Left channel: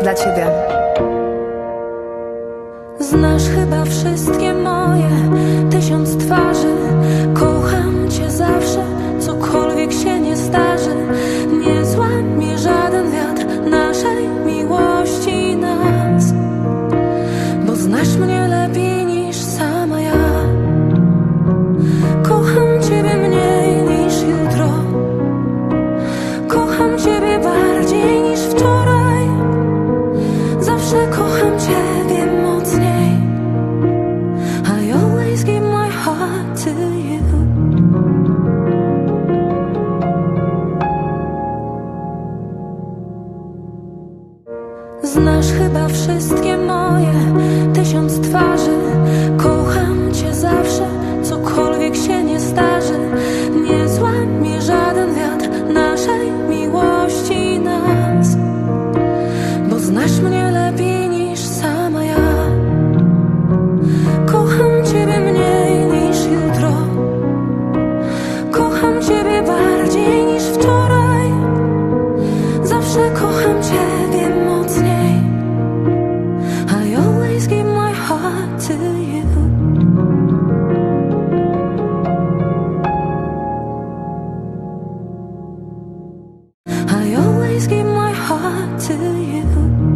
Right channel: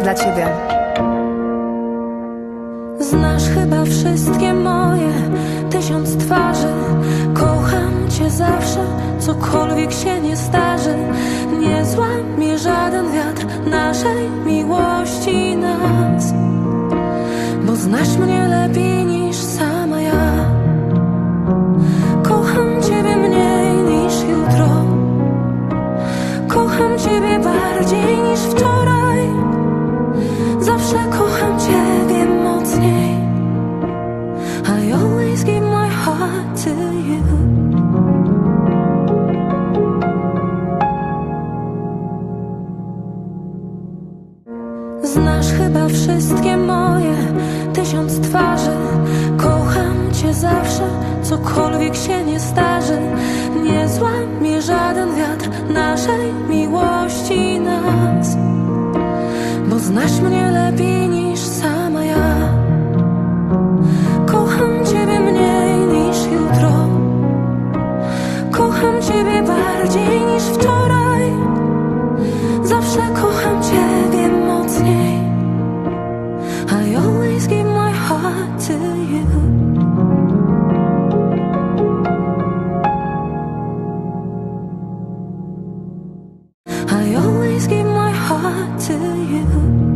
Dla ciebie. Znasz chyba wszystkie moje tysiąc twarzy. Kocham cię zawsze, cokolwiek się nie starzy. Nie złamie żaden wiatr naszej miłości nas. Bo znasz mnie lepiej niż sama ja. Kocham ciebie mniej niż jutro. Kocham ciebie bardziej niż wczoraj. Zawsze kocham ciebie mocniej. I always give my heart to you. Znasz chyba wszystkie moje tysiąc twarzy. Kocham cię zawsze, cokolwiek się nie starzy. Nie złamie żaden wiatr naszej miłości nas. Bo znasz mnie lepiej niż sama ja. Kocham ciebie mniej niż jutro. Kocham ciebie bardziej niż wczoraj. Zawsze kocham ciebie mocniej. I always give my heart to you. I always give my heart to you.